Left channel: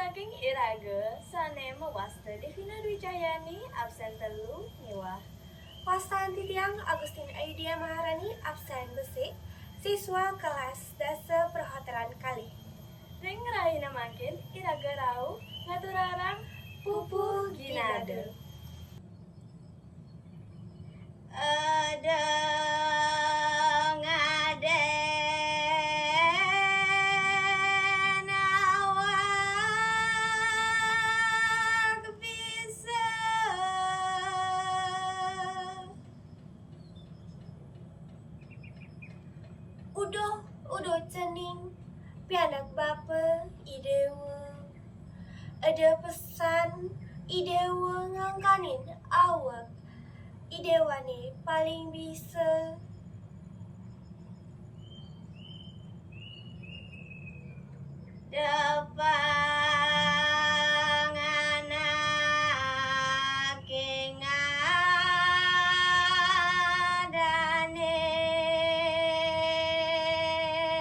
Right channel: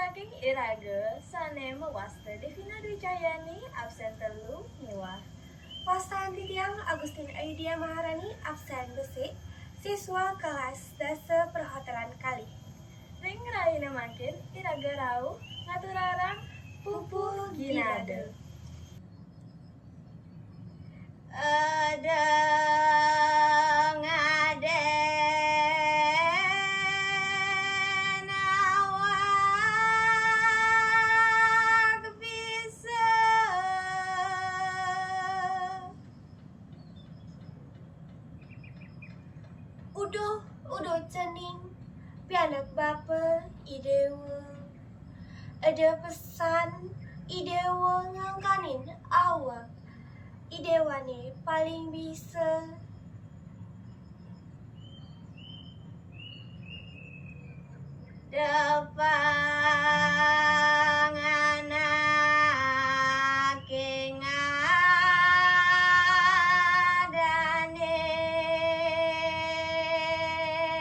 saking Iraga sane mewasta Devina Dwi Cahyani absen telu niwah. Wastan Titiang Agustin Aidia Maharani absen besik, siswa kelas dasa perhotelan kali. Ring raina makin Iraga rau ngaturarang Pupu Ginade. Ada ngaden awak bisa udah cening pianak bapa idewa ada pesan idewa ngangkanin awak idewane paling bisa depang anak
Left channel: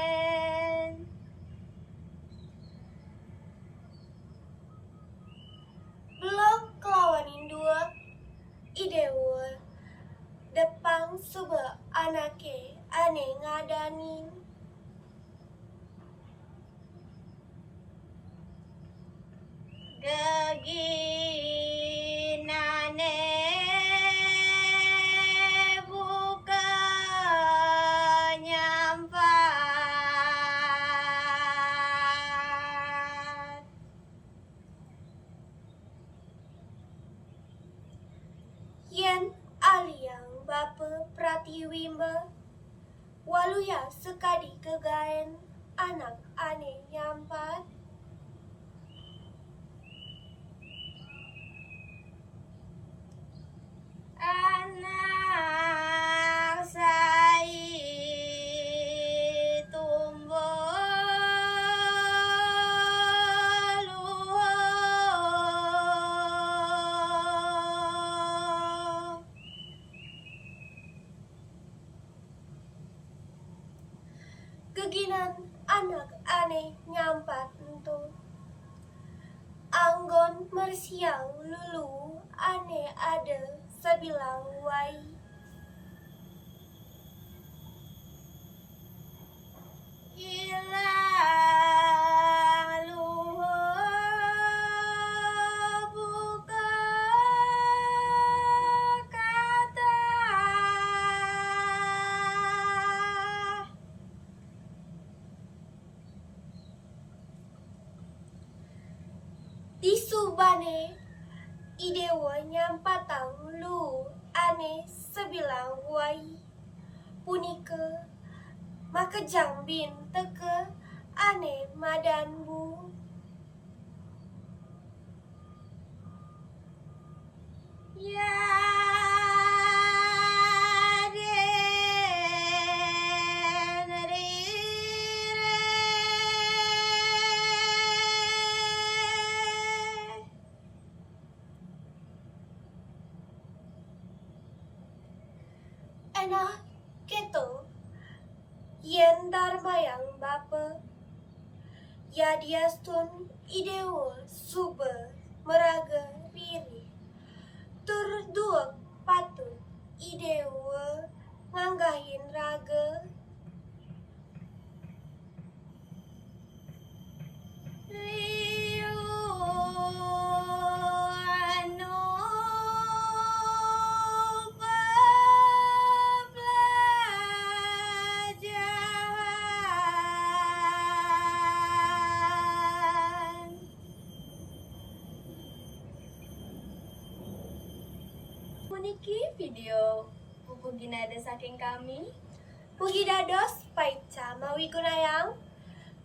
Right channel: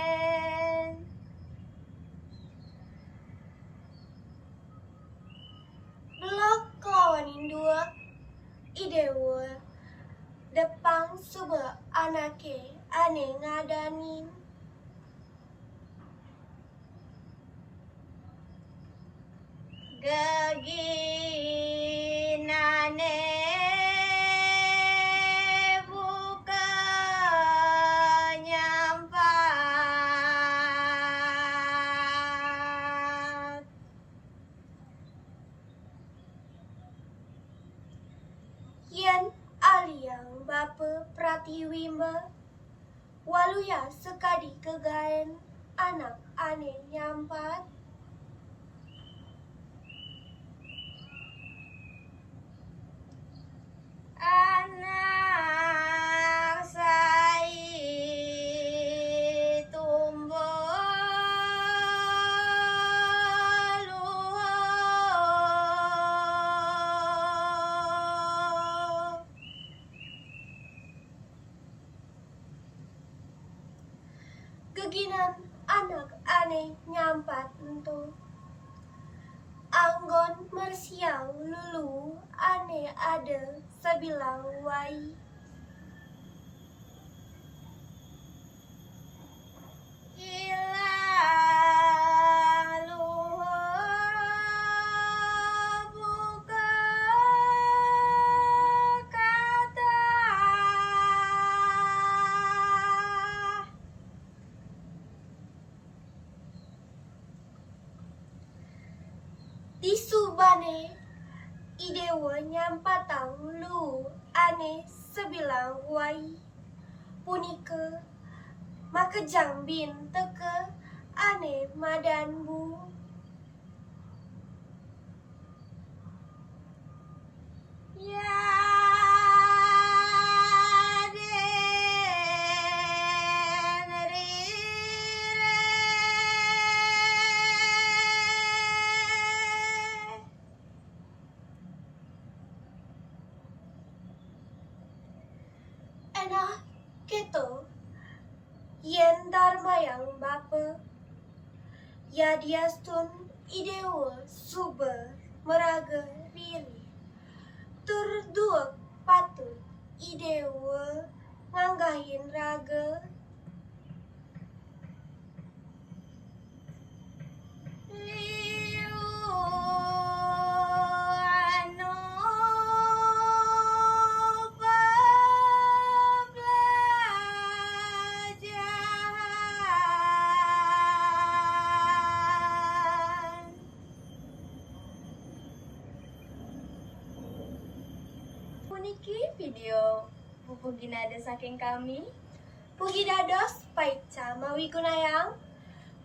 ngadanen blok kelawanin dua idewa depang suba anake ane ngadanin geginane buka nyampat yen aliang bapa pratiwimba waluya sekadi kegaen anak ane nyampat anak sai tumbuh luhur geginan anak ane nyampat entu anggon mersiang lulu ane ada sabilang wai ilang luhur buka kata di subane idewa nyampatang lu ane sebilang wai punika makejang bin teke ane madanbu ya den rire enak gitu yen darmayang bapa ya diastun idewa suba meraga riri tur duak patut idewa nganggahin raga liu anu belajar Puniki video Pupu Ginade saking kami. Puji dados paica mawi gunayang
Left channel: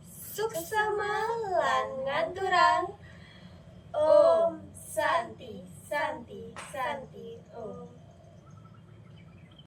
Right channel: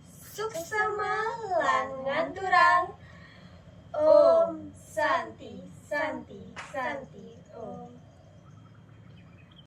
suksema lan nganturang Om Santi Santi Santi Om